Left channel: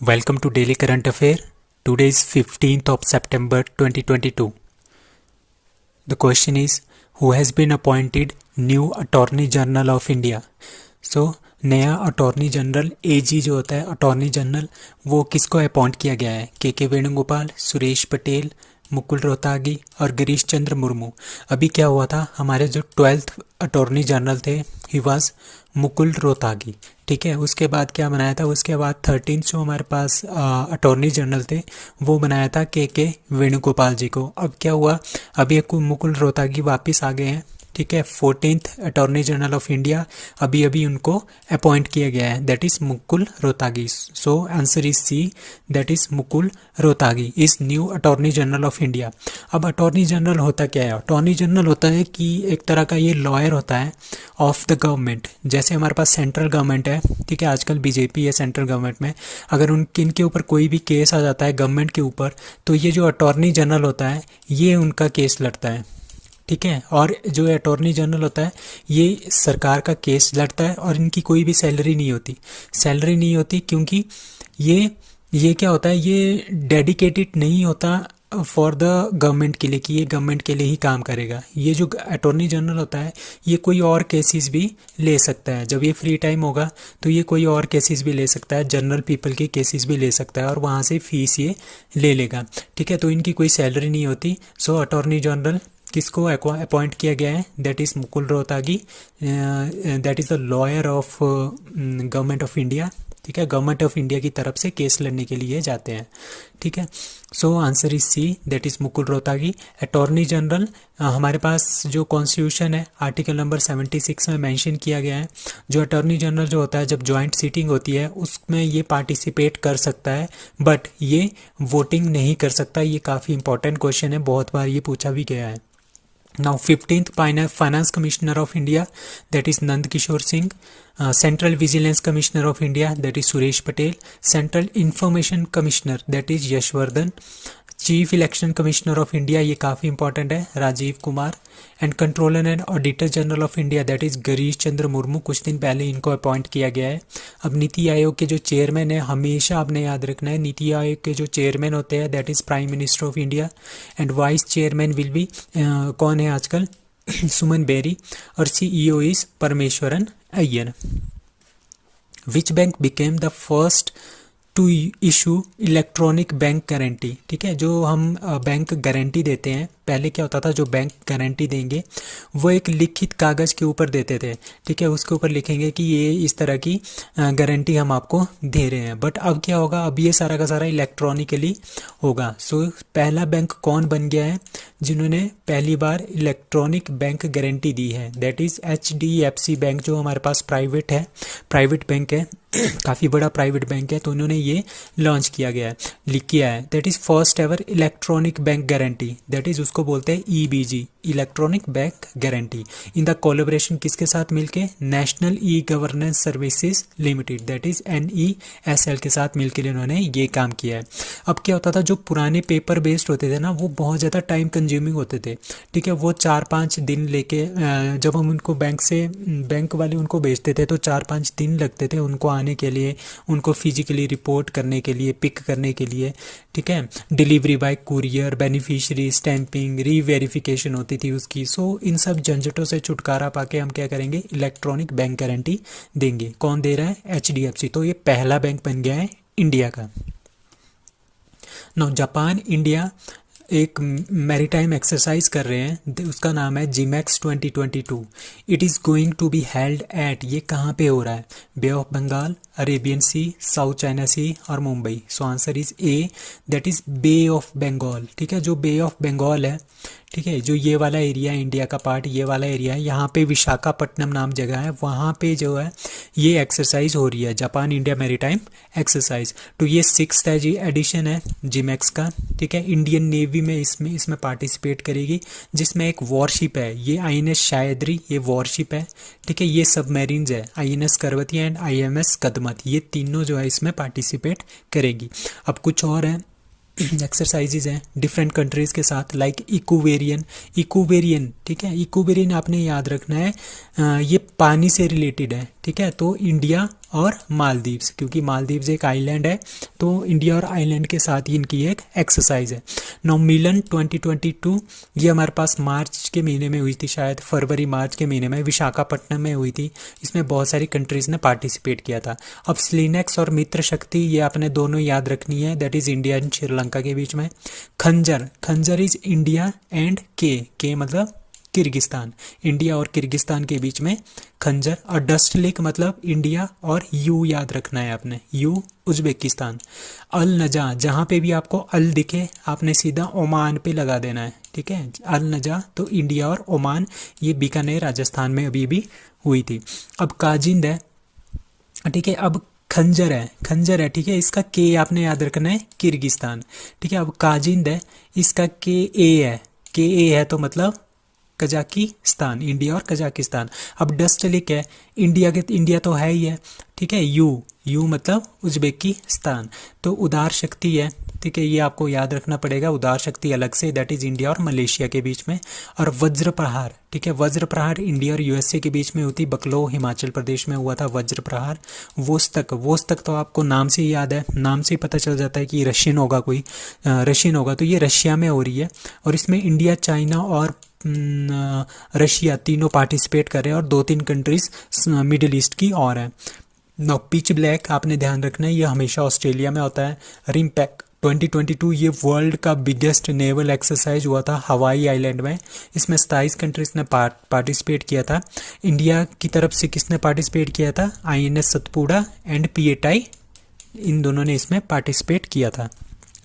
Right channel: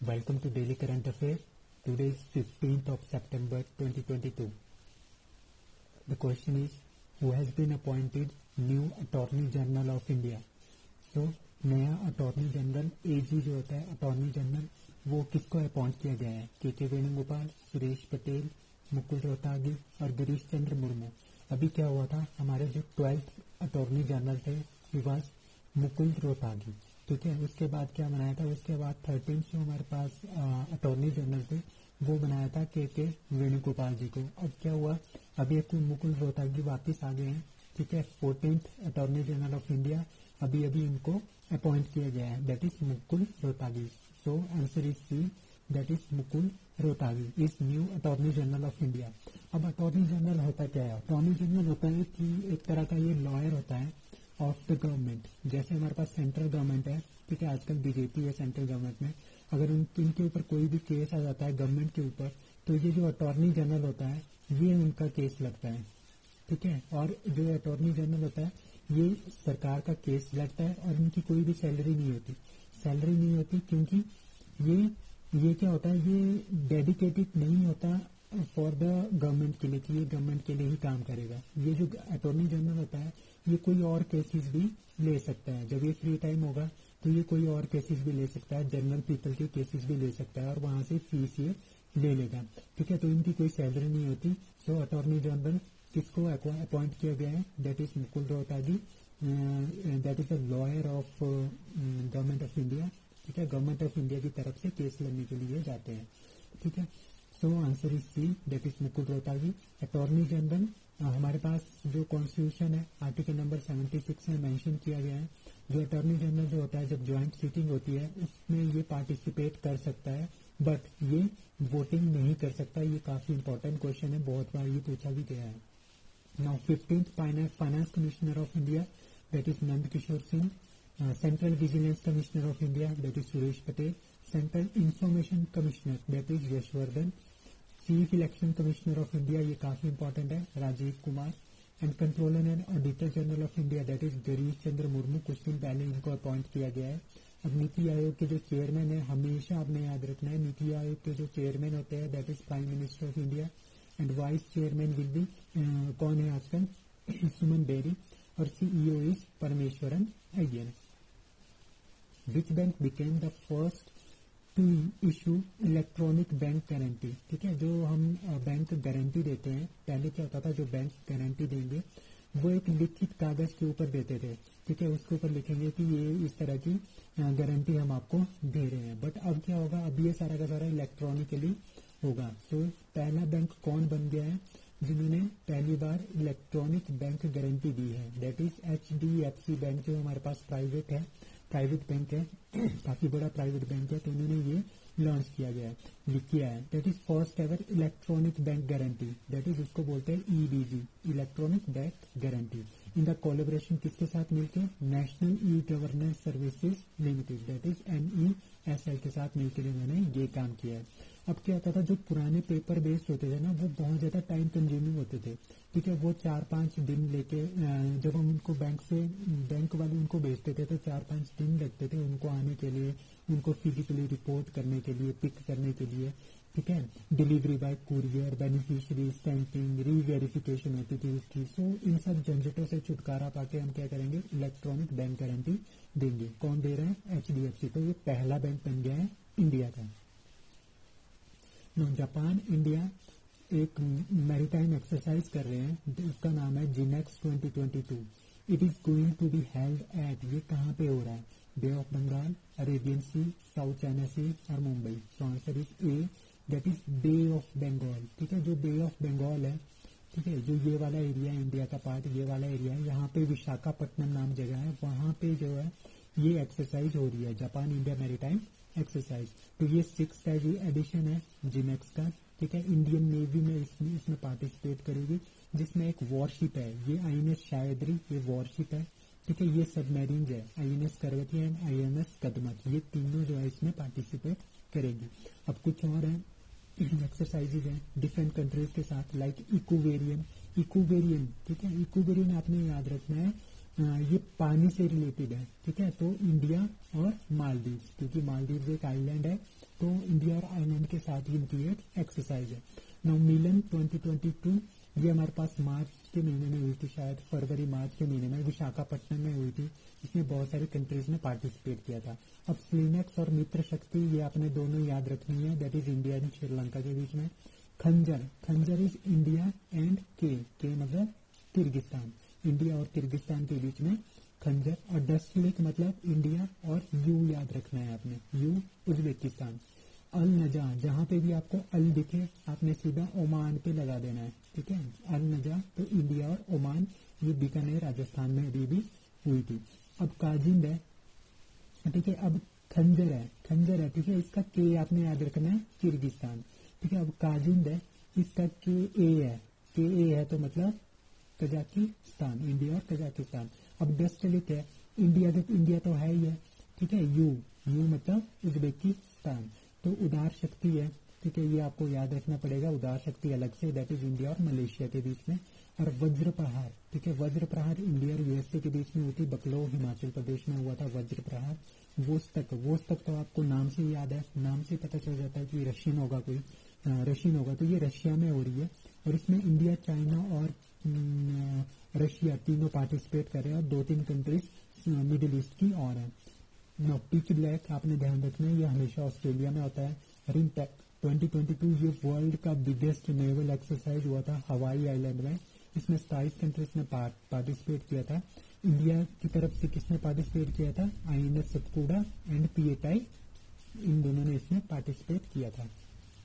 Welcome to Daily Current Affair. Today is 15th of September 2022. The question is, who has been appointed new Attorney General of India? So, नया attorney general एजी जो होता है attorney general, वो किसको appoint किया गया है? के वेणुगोपाल, सुरेश पटेल, मुकुल रोहतागी और गिरीश चंद्र मुर्मू। अभी क्या हुआ था, हमारे जो 12th अटॉर्नी जनरल थे ही वाज मुकुल रोहतागी। ठीक है, उसके बाद क्या बनाया था, उसके बाद 13th जो हमारे पास अटॉर्नी जनरल थे वो बनाया था के वेणुगोपाल जी को। अब क्या हुआ, अभी एक मुकुल रोहतागी वापस आ गए हैं। ठीक है, 14th attorney general of India अभी अभी उनको अपॉइंट किया गया है, that is Mukul Rohatgi. So answer is C, that is Mukul Rohatgi is new attorney general of India. अब अटॉर्नी जनरल होता क्या है? अटॉर्नी जनरल होता है कि एक तरह का ये लॉयर होता है ऑफ द गवर्नमेंट। जैसे हमारे पास सेंट्रल गवर्नमेंट है, ठीक है, आजकल बीजेपी है सेंट्रल गवर्नमेंट में, अगर इनके ऊपर कोई भी केस आ जाता है गवर्नमेंट के ऊपर, तो ये जो अटॉर्नी जनरल होता है ये उनका केस लड़ता है। ठीक है, और जो अटॉर्नी जनरल होता है ये सरकार का केस लड़ता है और इनकी कोई भी सैलरी नहीं होती। सैलरी नहीं होती क्योंकि ये क्या होता है, ये डेडिकेटेड नहीं होता फॉर द गवर्नमेंट के लिए कि ये गवर्नमेंट के लिए ही काम करेगा। ये जो अटॉर्नी जनरल होता है ये कोई और केसेस भी ले सकता है। जब ये फ्री टाइम होगा तो ये कोई और केसेस भी ले सकता है, जनरल पीपल के केसेस भी ले सकता है और वहाँ से फीस ये ले लेगा। ठीक है, तो इनकी कोई सैलरी नहीं होती। सो अटॉर्नी जनरल किसको अपॉइंट किया गया है? That is Mukul Rohatgi, that is the lawyer of government of India. ठीक है, गवर्नमेंट ऑफ इंडिया की तरफ से केस लड़ने के लिए जाते हैं। ठीक है, so answer is C, that is Mukul Rohatgi. Attorney general हमारे पास जो कॉन्स्टिट्यूशन है आर्टिकल नंबर 76 में मेंशन किया गया है। जो अटॉर्नी जनरल जो होता है जब जॉइंट सीटिंग होती है उसमें ये पार्टिसिपेट कर सकता है, बट ये वोटिंग नहीं कर सकता। ये काफ़ी इंपॉर्टेंट क्वेश्चन है, बहुत बार ये पूछा भी गया है। Now 15th Finance Commissioner of India, that is Nand Kishore Singh. Central Vigilance Commissioner of India, that is Suresh Patel. Central Information Commissioner, that is Yashwardhan. Chief election commissioner of India, ये काफ़ी important है, Rajiv Kumar. And controller and auditor general of India, that is Girish Chandra Murmu. कुछ दिन पहले इनको appoint किया गया है। अब नीति आयोग के जो चेयरमैन है, हमेशा आपने याद रखना है, नीति आयोग के जो चेयरमैन होते हैं that is prime minister of India. And vice chairman will be कौन है आजकल? सुमन बेरी। और CEO is Parameswaran Iyer. Which bank became the first to issue electronic bank guarantee? ठीक है, जो हम बैंक गारंटी देते हैं, पहले क्या होता था, जो बैंक गारंटी देंगे वो एक लिखित कागज़ के ऊपर देते थे। ठीक है, उसके ऊपर लिखेंगे कि ये इस तरह की गारंटी हम आपको दे रहे हैं। बट अब क्या होगा, अब ये सारा का सारा इलेक्ट्रॉनिकली होगा। सो पहला बैंक कौन बन गया है जिन्होंने पहली बार इलेक्ट्रॉनिक बैंक गारंटी दी है? दैट इज़ HDFC बैंक, जो हमारे पास प्राइवेट है, प्राइवेट बैंक है, काफ़ी बड़ा प्राइवेट बैंक है, तो उन्होंने ये लॉन्च किया गया है, लिख किया है। That is first ever electronic bank guarantee, that is उसको बोलते हैं EBG, electronic bank guarantee. In the collaboration किसके साथ मिलके? National e governance services limited, that is NESL के साथ मिलकर इन्होंने ये काम किया है। अब क्या होता था, जो पुराने पेपर बेस्ड होते थे ना वो बहुत ज़्यादा टाइम कंज्यूमिंग होते थे। ठीक है, वो 4-5 दिन लेके जब हम उनको बैंक वाले उनको भेजते थे तो 4-5 दिन लगते थे उनको आने के लिए, उनको फिजिकली रिपोर्ट करने के लिए, पिक करने के लिए। ठीक है, delivery bye courier, beneficiary stamping, reverification होती थी उसकी। सो इन सब झंझटों से छुटकारा पाके हम क्या करेंगे, इलेक्ट्रॉनिक बैंक गारंटी देंगे। कौन दे रहा है? HDFC। तो ये पहला बैंक बन गया है इंडिया का। नौ जापान इंडिया एक मैरीटाइम एक्सरसाइज कर रहे हैं, उसका नाम है JIMEX 2022। It is going to be held at, ये कहाँ पे हो रहा है? Bay of Bengal, Arabian Sea, South China Sea और Mumbai. So answer is A, that is Bay of Bengal. ठीक है, जो बे ऑफ बंगाल है, ठीक है, जो ये वाला एरिया है इंडिया का पार्ट, ये वाला एरिया है, यहाँ पे विशाखापट्टनम नाम जगह है, वहाँ पे जो है ये एक्सरसाइज हो रही है, जापान इंडिया मैरीटाइम एक्सरसाइज। तो ये 6th है जी एडिशन है जिमैक्स का। ठीक है, इंडियन नेवी में इसमें पार्टिसिपेट करेगी, जिसमें एक वॉरशिप है, ये INS शायदरी, ये वॉरशिप है। ठीक है, ये सबमरीन्स है, INS करवती एंड IMS कदमत, ये तीनों जो है इसमें पार्टिसिपेट करेगी। अब कुछ और है एक्सरसाइजेज हैं डिफरेंट कंट्रीज़ के साथ, लाइक इकोवेरियन। ठीक है, इकोवेरियन आपने याद रखना है, ये पानी से रिलेटेड है। ठीक है, तो इंडिया और मालदीव्स, क्योंकि मालदीव्स एक आइलैंड है तो इंडिया और आइलैंड के साथ ही इनकी एक एक्सरसाइज है। नौ मिलन 2022 ये हमारे पास मार्च के महीने में हुई थी, शायद फरवरी मार्च के महीने में विशाखापट्टनम में हुई थी। इसमें बहुत सारी कंट्रीज़ ने पार्टिसिपेट किया था। अब स्लिनेक्स और मित्र शक्ति ये आपने दोनों याद रखनी है, that is India and Sri Lanka के बीच में। खंजर, खंजर इज इंडिया एंड के मतलब किर्गिस्तान, इंडिया और किर्गिस्तान के बीच में खंजर। और डस्ट लेक मतलब इंडिया और यू याद रखना है आपने, यू उज्बेकिस्तान। अल नजा, जहाँ पे भी आपको अल दिखे आपने सीधा ओमान पे लगा देना है, ठीक है। अल नजा तो इंडिया और ओमान, ये बीकानेर राजस्थान में अभी भी हुई थी। अब काजिंद है, ठीक है। अब खंजर है, खंजर है, ठीक है, इसका के आपने याद रखना है किर्गिस्तान, ठीक है। अब काजिंद है, इसका के ए है, के ए है तो मतलब कजाकिस्तान, इंडिया और कजाकिस्तान। अब डस्ट लेक है, इंडिया तो है ही है, ठीक है। यू मतलब उज्बेकिस्तान, तो उदार शक्ति है, ठीक है, ये आपको याद रखना पड़ेगा। उदार शक्ति अलग से, दैट इज इंडिया और मलेशिया के बीच में। और वज्र प्रहार, ठीक है, वज्र प्रहार इंडिया और यूएसए के बीच में होती, बकलो हिमाचल प्रदेश में हुआ था वज्र प्रहार। वोस्तक तो आपको नाम से ही याद है, नाम से ही पता चल जाता है कि रशियन होगा, कोई रशियन होगा, तो ये रशिया में हो रही है। और इसमें इंडिया, चाइना और रशिया तीनों पार्टिसिपेट कर रहे हैं और 2-3 कंट्रीज मिडिल ईस्ट की और है। नो पिच ब्लैक आपने ध्यान रखना है, ये हमेशा ऑस्ट्रेलिया में होता है। रिमपैक 2022 ये वर्ल्ड का बिगेस्ट नेवल एक्सरसाइज हुआ था हवाई आइलैंड में। इसमें 27 कंट्रीज ने पार्टिसिपेट किया था। इंडिया की तरफ से किसने पार्टिसिपेट किया था? INS सतपुड़ा एंड PATI, इन दोनों ने इसमें पार्टिसिपेट किया था।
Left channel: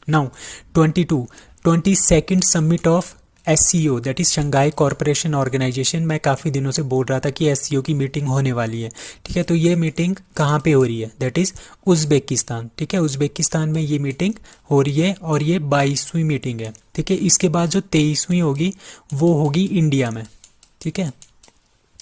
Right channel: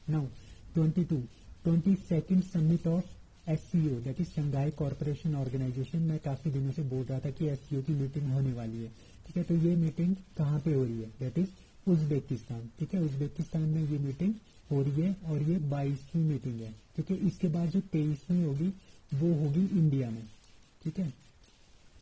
Now 22nd summit of SCO, that is Shanghai corporation organisation. मैं काफ़ी दिनों से बोल रहा था कि SCO की मीटिंग होने वाली है, ठीक है। तो ये मीटिंग कहाँ पे हो रही है? दैट इज़ उज़्बेकिस्तान, ठीक है। उज़्बेकिस्तान में ये मीटिंग हो रही है और ये 22वीं मीटिंग है, ठीक है। इसके बाद जो 23वीं होगी वो होगी इंडिया में, ठीक है।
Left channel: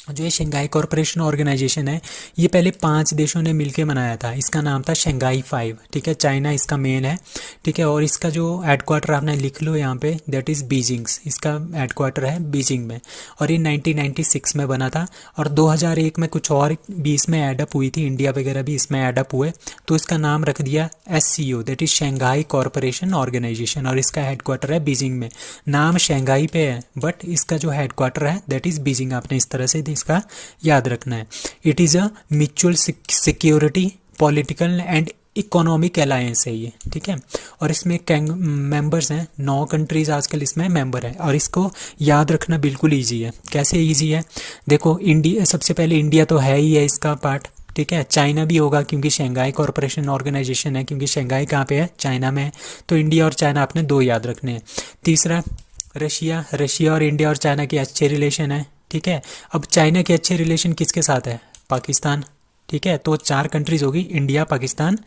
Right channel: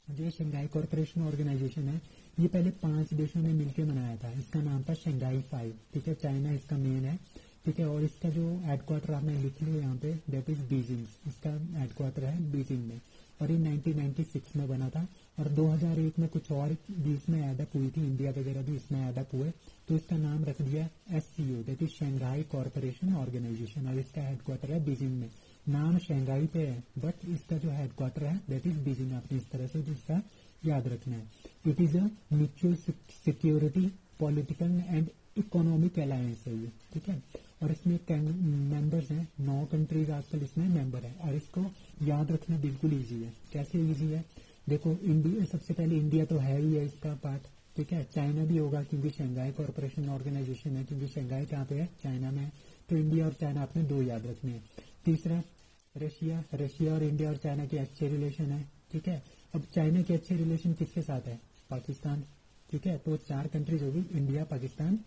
जो ये शंघाई कॉरपोरेशन ऑर्गेनाइजेशन है ये पहले 5 देशों ने मिलकर बनाया था, इसका नाम था शंघाई 5, ठीक है। चाइना इसका मेन है, ठीक है। और इसका जो हेडक्वार्टर आपने लिख लो यहाँ पे, दैट इज़ बीजिंग, इसका हेडक्वार्टर है बीजिंग में। और ये 1996 में बना था और 2001 में कुछ और भी इसमें एडअप हुई थी, इंडिया वगैरह भी इसमें एडअप हुए, तो इसका नाम रख दिया SCO, that is Shanghai corporation organisation. और इसका हेडक्वार्टर है बीजिंग में। नाम शंघाई पे है बट इसका जो हेडक्वार्टर है दैट इज़ बीजिंग, आपने इस तरह से इसका याद रखना है। It is a mutual security political and economic alliance है ये, ठीक है। और इसमें मेंबर्स हैं 9 कंट्रीज आजकल इसमें मेंबर है। और इसको याद रखना बिल्कुल ईजी है। कैसे ईजी है? देखो, इंडिया सबसे पहले, इंडिया तो है ही है इसका पार्ट, ठीक है। चाइना भी होगा क्योंकि शंघाई कॉरपोरेशन ऑर्गेनाइजेशन है, क्योंकि शंघाई कहाँ पे है? चाइना में है। तो इंडिया और चाइना आपने 2 याद रखने हैं। तीसरा रशिया और इंडिया और चाइना के अच्छे रिलेशन है, ठीक है। अब चाइना के अच्छे रिलेशन किसके साथ है? पाकिस्तान, ठीक है। तो 4 कंट्रीज होगी, इंडिया, पाकिस्तान,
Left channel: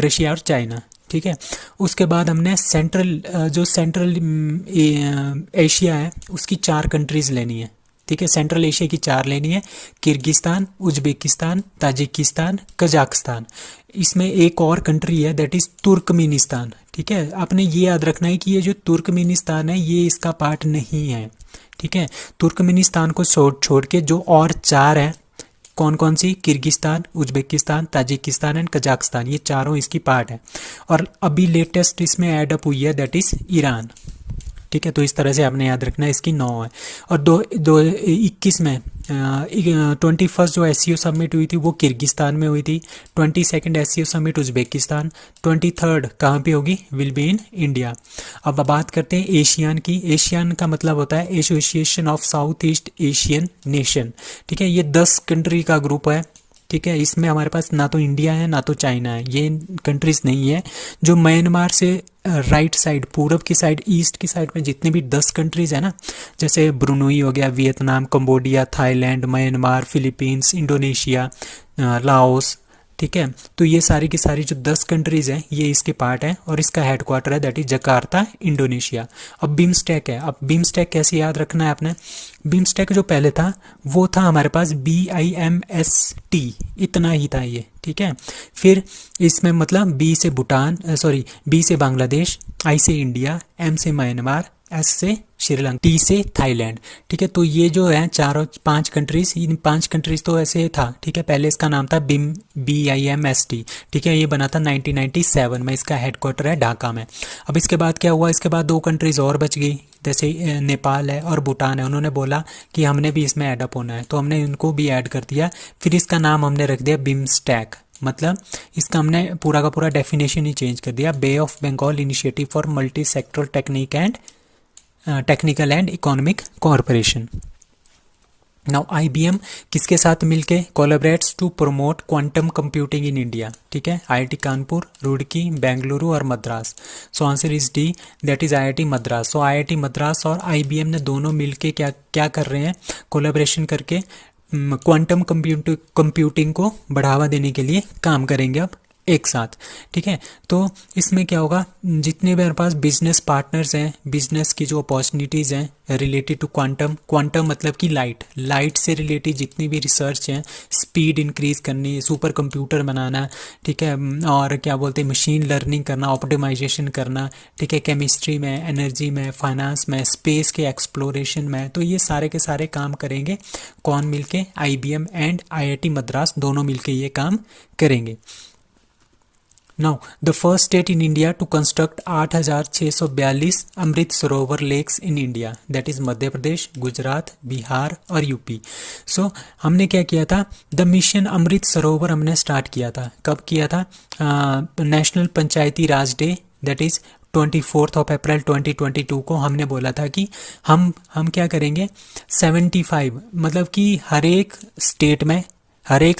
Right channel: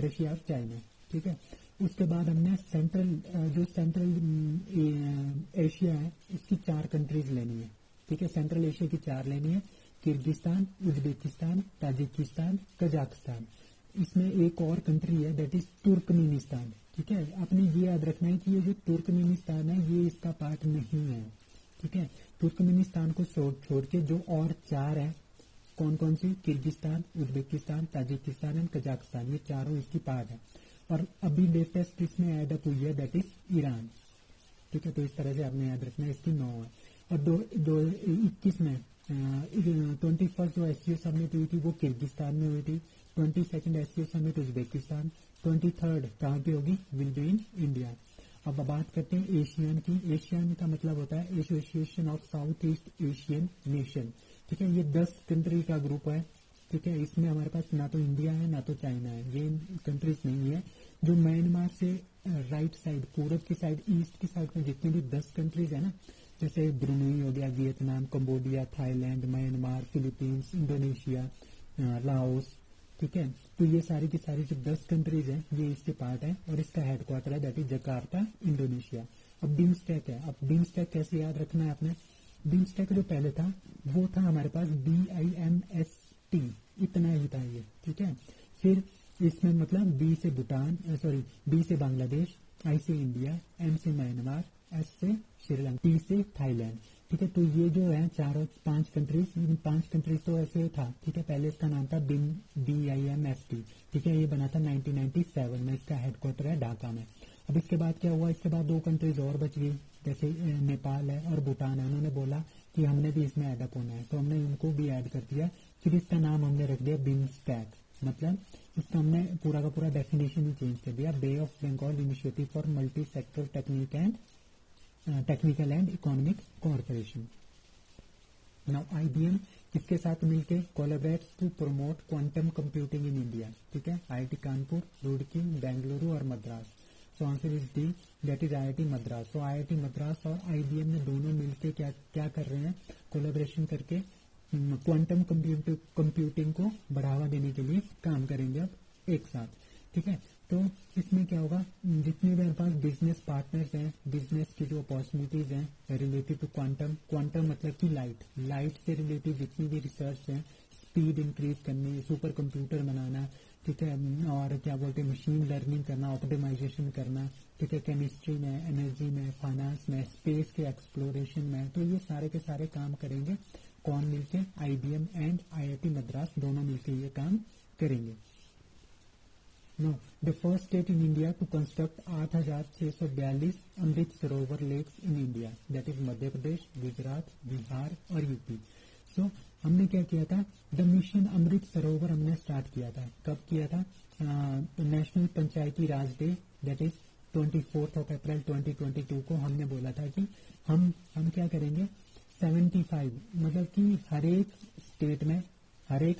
रशिया और चाइना, ठीक है। उसके बाद हमने सेंट्रल एशिया है उसकी 4 कंट्रीज लेनी है, ठीक है। सेंट्रल एशिया की 4 लेनी है, किर्गिस्तान, उज्बेकिस्तान, ताजिकिस्तान, कजाकिस्तान। इसमें एक और कंट्री है दैट इज़ तुर्कमेनिस्तान, ठीक है। आपने ये याद रखना है कि ये जो तुर्कमेनिस्तान है ये इसका पार्ट नहीं है, ठीक है। तुर्कमेनिस्तान को छोड़ के जो और 4 हैं, कौन कौन सी? Kyrgyzstan, Uzbekistan, Tajikistan and Kazakhstan, ये चारों इसकी पार्ट है। और अभी लेटेस्ट इसमें ऐड अप हुई है दैट इज़ ईरान, ठीक है। तो इस तरह से आपने याद रखना है, इसकी 9 है। और 2021 में 21st जो SCO समिट हुई थी वो किर्गिस्तान में हुई थी। 22nd SCO summit Uzbekistan. 23rd कहाँ पे होगी? Will be in India. अब बात करते हैं एशियान की। एशियान का मतलब होता है association of south east Asian nation, ठीक है। ये 10 कंट्री का ग्रुप है, ठीक है। इसमें हमारे पास ना तो इंडिया है ना तो चाइना है, ये कंट्रीज नहीं है। जो म्यांमार से राइट साइड, पूरब की साइड, ईस्ट की साइड में जितने भी 10 कंट्रीज है ना, जैसे ब्रुनोई हो गया, Vietnam, Cambodia, Thailand, Myanmar, Philippines, Indonesia, Laos, ठीक है। तो ये सारी की सारी जो 10 कंट्रीज़ हैं ये इसके पार्ट हैं और इसका हेडक्वार्टर है दैट इज जकार्ता, इंडोनेशिया। अब बिम्स्टेक है। अब बिम्स्टेक कैसे याद रखना है आपने? बिम्स्टेक जो पहले था वो था हमारे पास BIMST, इतना ही था ये, ठीक है। फिर इसमें मतलब B से बांग्लादेश, I से इंडिया, M से म्यांमार, एस से श्रीलंका, टी से थाईलैंड। ठीक है, तो ये जो है चारों 5 कंट्रीज, इन 5 कंट्रीज तो ऐसे था। ठीक है, पहले इसका नाम था बिम, BIMST। ठीक है, ये बना था 1997 में, इसका हेडक्वार्टर है ढाका में। अब इसके बाद क्या हुआ, इसके बाद 2 कंट्रीज और बच गई, जैसे नेपाल है और भूटान है। उन्होंने बोला कि हमने भी इसमें ऐड अप होना है, तो हमने इनको भी ऐड कर दिया। फिर इसका नाम हमने रख दिया बिम्स्टैक, मतलब इसका हमने पूरा का पूरा डेफिनेशन ही चेंज कर दिया, bay of Bengal initiative for multi sectoral technical and economic cooperation. Now IBM किसके साथ मिलके collaborates to promote quantum computing in India. ठीक है, IIT कानपुर, रुड़की, बेंगलुरु और Madras. So answer is D, that is IIT Madras. So IIT Madras और IBM ने दोनों मिलके क्या क्या कर रहे हैं, कोलैबोरेशन करके क्वांटम कंप्यूटिंग को बढ़ावा देने के लिए काम करेंगे अब एक साथ। ठीक है, तो इसमें क्या होगा, जितने भी हमारे पास बिजनेस पार्टनर्स हैं, बिजनेस की जो अपॉर्चुनिटीज़ हैं रिलेटेड टू क्वांटम मतलब कि लाइट से रिलेटेड जितनी भी रिसर्च हैं, स्पीड इंक्रीज करनी, सुपर कंप्यूटर बनाना, ठीक है, और क्या बोलते हैं मशीन लर्निंग करना, ऑप्टिमाइजेशन करना, ठीक है, केमिस्ट्री में, एनर्जी में, फाइनेंस में, स्पेस के एक्सप्लोरेशन में, तो ये सारे के सारे काम करेंगे कौन मिलके, IBM एंड IIT मद्रास दोनों मिलके ये काम करेंगे। Now, the first state in India to construct 8,642 Amrit Sarovar lakes in India, that is Madhya Pradesh, Gujarat, Bihar और यूपी। सो हमने क्या किया था, द मिशन अमृत सरोवर हमने स्टार्ट किया था। कब किया था, national Panchayati Raj day, that is 24 अप्रैल 2022 को हमने बोला था कि हम क्या करेंगे, 75 मतलब कि हर एक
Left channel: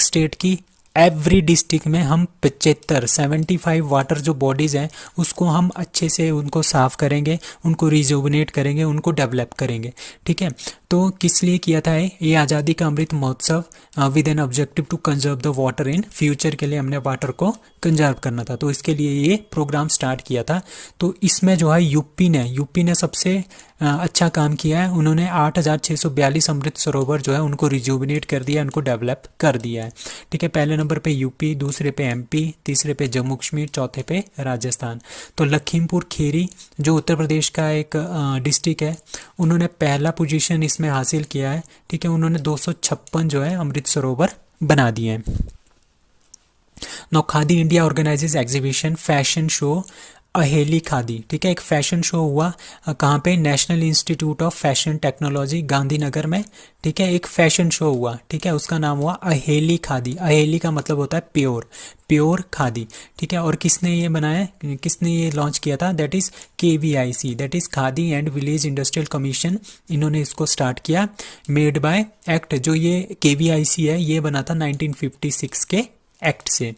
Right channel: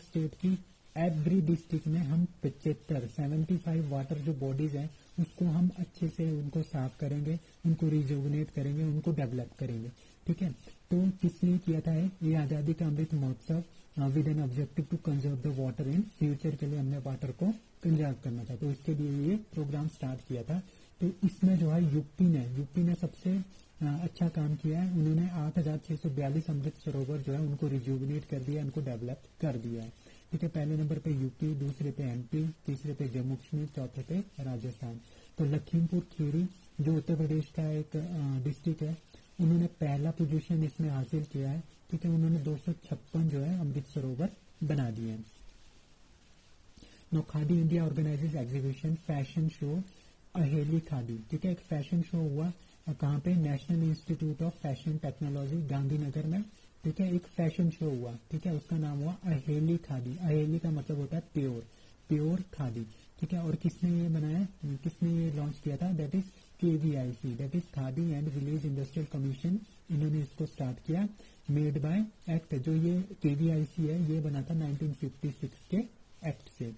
स्टेट की एवरी डिस्ट्रिक्ट में हम 75 वाटर जो बॉडीज़ हैं उसको हम अच्छे से उनको साफ़ करेंगे, उनको रिजुवनेट करेंगे, उनको डेवलप करेंगे। ठीक है, तो किस लिए किया था ये आज़ादी ka Amrit Mahotsav, with an objective to conserve the water in future, के लिए हमने वाटर को कंजर्व करना था, तो इसके लिए ये प्रोग्राम स्टार्ट किया था। तो इसमें जो है यूपी ने सबसे अच्छा काम किया है। उन्होंने 8,642 अमृत सरोवर जो है उनको रिजुवनेट कर दिया, उनको डेवलप कर दिया है। ठीक है, पहले नंबर पे यूपी, दूसरे पे MP, तीसरे पे जम्मू कश्मीर, चौथे पे राजस्थान। तो लखीमपुर खीरी जो उत्तर प्रदेश का एक डिस्ट्रिक्ट है, उन्होंने पहला पोजीशन इसमें हासिल किया है। ठीक है, उन्होंने 256 जो है अमृत सरोवर बना दिए हैं। Now khadi India organises exhibition fashion show Aheli khadi. ठीक है, एक फैशन शो हुआ कहाँ पे, national institute of fashion technology Gandhinagar में। ठीक है, एक फैशन शो हुआ, ठीक है, उसका नाम हुआ अहेली खादी। अहेली का मतलब होता है प्योर खादी। ठीक है, और किसने ये बनाया, किसने ये लॉन्च किया था, that is KVIC, that is khadi and village industrial commission. इन्होंने इसको स्टार्ट किया, मेड बाय एक्ट। जो ये KVIC है ये बना था 1956 के एक्ट से।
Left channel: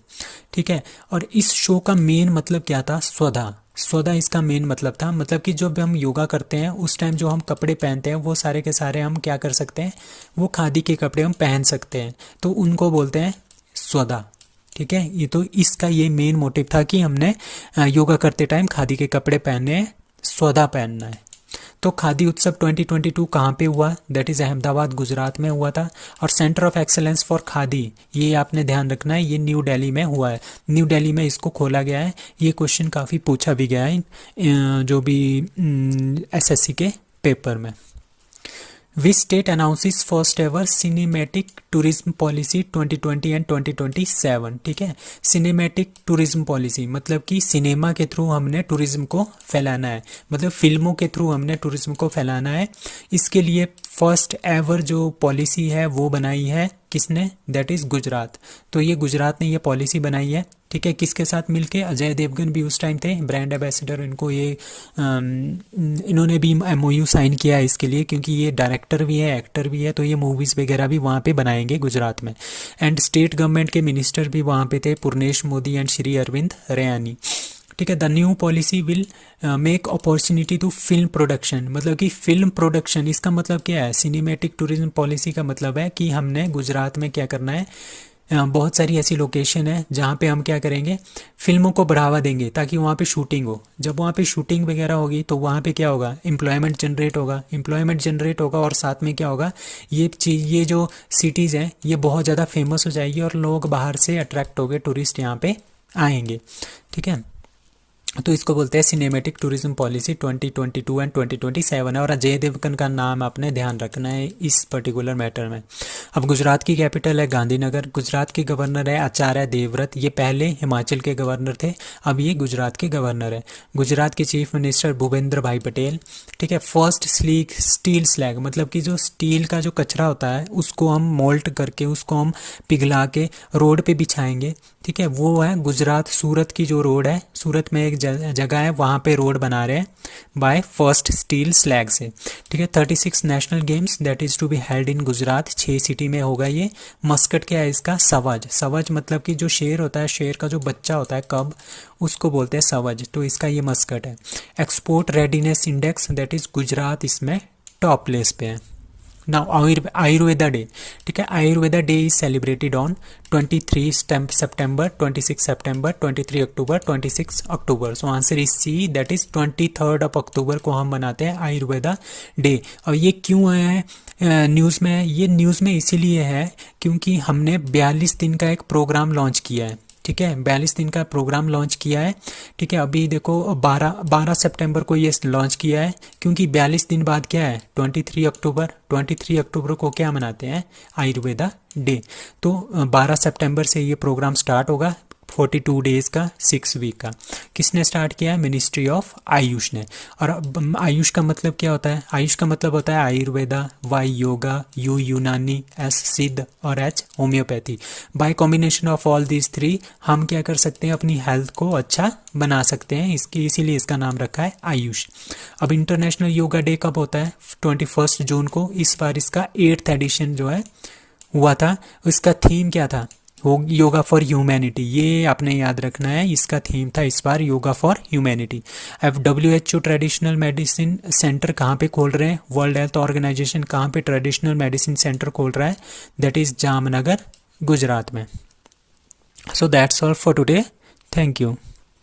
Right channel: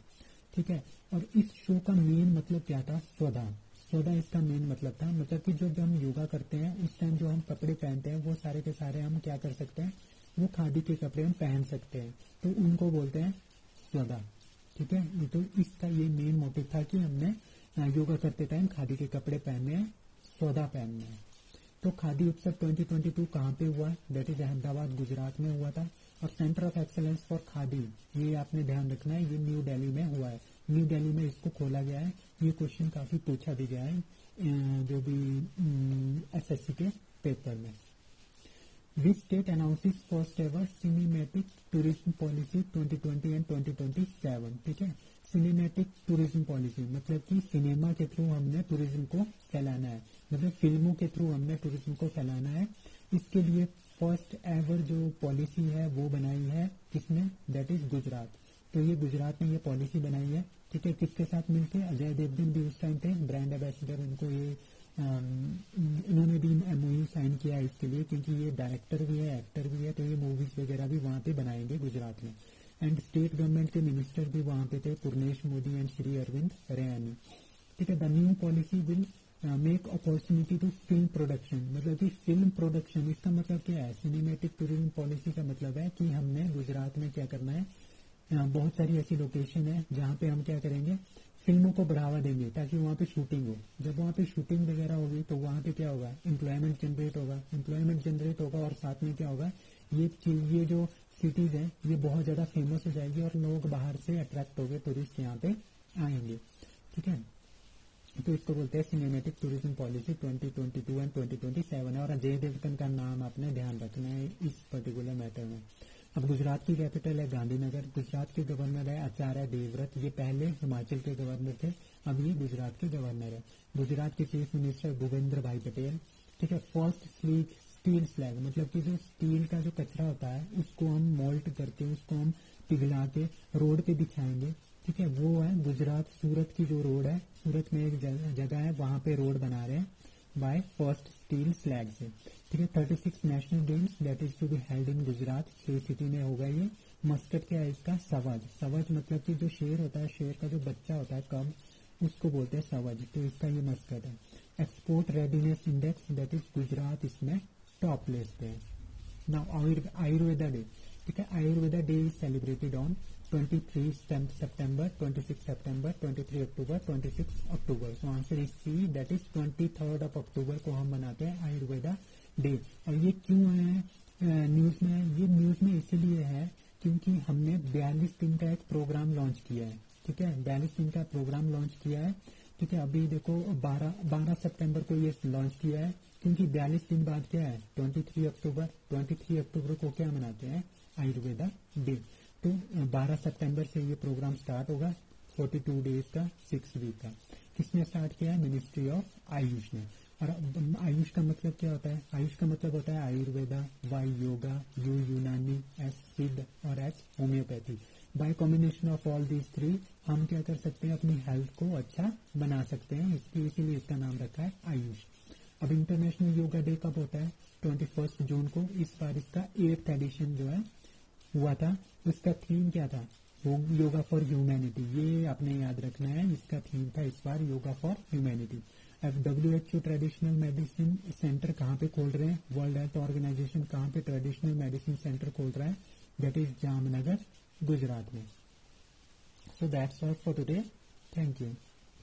ठीक है, और इस शो का मेन मतलब क्या था, स्वधा इसका मेन मतलब था, मतलब कि जब हम योगा करते हैं उस टाइम जो हम कपड़े पहनते हैं वो सारे के सारे हम क्या कर सकते हैं, वो खादी के कपड़े हम पहन सकते हैं, तो उनको बोलते हैं स्वधा। ठीक है, ये तो इसका ये मेन मोटिव था कि हमने योगा करते टाइम खादी के कपड़े पहनने हैं, स्वधा पहनना है। तो खादी उत्सव 2022 कहाँ पे हुआ, दैट इज़ अहमदाबाद गुजरात में हुआ था। और centre of excellence for khadi, ये आपने ध्यान रखना है, ये न्यू दिल्ली में हुआ है, न्यू दिल्ली में इसको खोला गया है। ये क्वेश्चन काफ़ी पूछा भी गया है जो भी SSC के पेपर में। Which state announces first ever cinematic tourism policy 2020 and 2027। ठीक है, सिनेमैटिक टूरिज्म पॉलिसी मतलब कि सिनेमा के थ्रू हमने टूरिज्म को फैलाना है, मतलब फिल्मों के थ्रू हमने टूरिज्म को फैलाना है। इसके लिए फर्स्ट एवर जो पॉलिसी है वो बनाई है किसने, दैट इज़ गुजरात। तो ये गुजरात ने ये पॉलिसी बनाई है। ठीक है, किसके साथ मिलके, अजय देवगन भी उस टाइम थे ब्रांड एम्बेसडर, इनको ये इन्होंने भी MOU साइन किया है इसके लिए, क्योंकि ये डायरेक्टर भी है, एक्टर भी है, तो ये मूवीज़ वगैरह भी वहाँ पे बनाएंगे गुजरात में। एंड स्टेट गवर्नमेंट के मिनिस्टर भी वहाँ पे थे, पूर्णेश मोदी एंड श्री अरविंद रैयानी। ठीक है, the new policy will make opportunity to film production, मतलब कि फिल्म प्रोडक्शन, इसका मतलब क्या है, सिनेमैटिक टूरिज्म पॉलिसी का मतलब है कि हमने गुजरात में क्या करना है, बहुत सारी ऐसी लोकेशन है जहाँ पे हम क्या करेंगे, फिल्मों को बढ़ावा देंगे ताकि वहाँ पे शूटिंग हो। जब वहाँ पे शूटिंग वगैरह होगी तो वहाँ पे क्या होगा, एम्प्लॉयमेंट जनरेट होगा और साथ में क्या होगा, ये चीज़, ये जो सिटीज़ हैं ये बहुत ज़्यादा फेमस हो जाएगी और लोग बाहर से अट्रैक्ट हो गए, टूरिस्ट यहाँ पे आएंगे। ठीक है, तो इसको बोलते हैं सिनेमैटिक टूरिज्म पॉलिसी 2022 एंड 2027 है, और अजय देवगन का नाम आपने ध्यान रखना है इस पर्टिकुलर मैटर में। अब गुजरात की कैपिटल है गांधीनगर, गुजरात के गवर्नर है आचार्य देवव्रत, ये पहले हिमाचल के गवर्नर थे, अब ये गुजरात के गवर्नर है। गुजरात के चीफ मिनिस्टर भूपेंद्र भाई पटेल, ठीक है। फर्स्ट स्टील स्लैग, मतलब कि जो स्टील का जो कचरा होता है उसको हम मोल्ट करके, उसको हम पिघला के रोड पे बिछाएंगे, ठीक है। वो है गुजरात, सूरत की जो रोड है, सूरत में एक जगह है वहाँ पे रोड बना रहे हैं बाय फर्स्ट स्टील स्लैग से, ठीक है। 36 national games that is to be held in Gujarat, 6 city में होगा ये। मस्कट क्या है इसका? सवज। सवज मतलब कि जो शेर होता है, शेर का जो बच्चा होता है कब, उसको बोलते हैं सवज, तो इसका ये मस्कट है। Export readiness index that is Gujarat इसमें टॉप प्लेस पे है। नाउ आयुर्वेदा डे, ठीक है। Ayurveda day is celebrated on 23 September, 26 September, 23 October, 26 October. So answer is C, that is 23 October को हम मनाते हैं आयुर्वेदा डे। और ये क्यों है न्यूज़ में? ये न्यूज़ में इसीलिए है क्योंकि हमने 42 दिन का एक प्रोग्राम लॉन्च किया है, ठीक है। 42 दिन का प्रोग्राम लॉन्च किया है, ठीक है। अभी देखो 12 सितंबर को ये लॉन्च किया है, क्योंकि 42 दिन बाद क्या है? 23 अक्टूबर। 23 अक्टूबर को क्या मनाते हैं? आयुर्वेदा डे। तो 12 सितंबर से ये प्रोग्राम स्टार्ट होगा, 42 डेज़ का, 6 वीक का। किसने स्टार्ट किया है? मिनिस्ट्री ऑफ आयुष ने। और आयुष का मतलब क्या होता है? आयुष का मतलब होता है आयुर्वेदा, वाई योगा, यू यूनानी, एस सिद्ध और H homeopathy. Bye combination of all these 3 हम क्या कर सकते हैं? अपनी हेल्थ को अच्छा बना सकते हैं, इसकी इसीलिए इसका नाम रखा है आयुष। अब इंटरनेशनल योगा डे कब होता है? 21 जून को। इस बार इसका 8th एडिशन जो है हुआ था। इसका थीम क्या था? योगा फॉर ह्यूमैनिटी, ये आपने याद रखना है, इसका थीम था इस बार योगा फॉर ह्यूमैनिटी। अब WHO ट्रेडिशनल मेडिसिन सेंटर कहाँ पे खोल रहे हैं? वर्ल्ड हेल्थ ऑर्गेनाइजेशन कहाँ पे ट्रेडिशनल मेडिसिन सेंटर खोल रहा है? दैट इज़ जामनगर, गुजरात में। So that's all for today, thank you.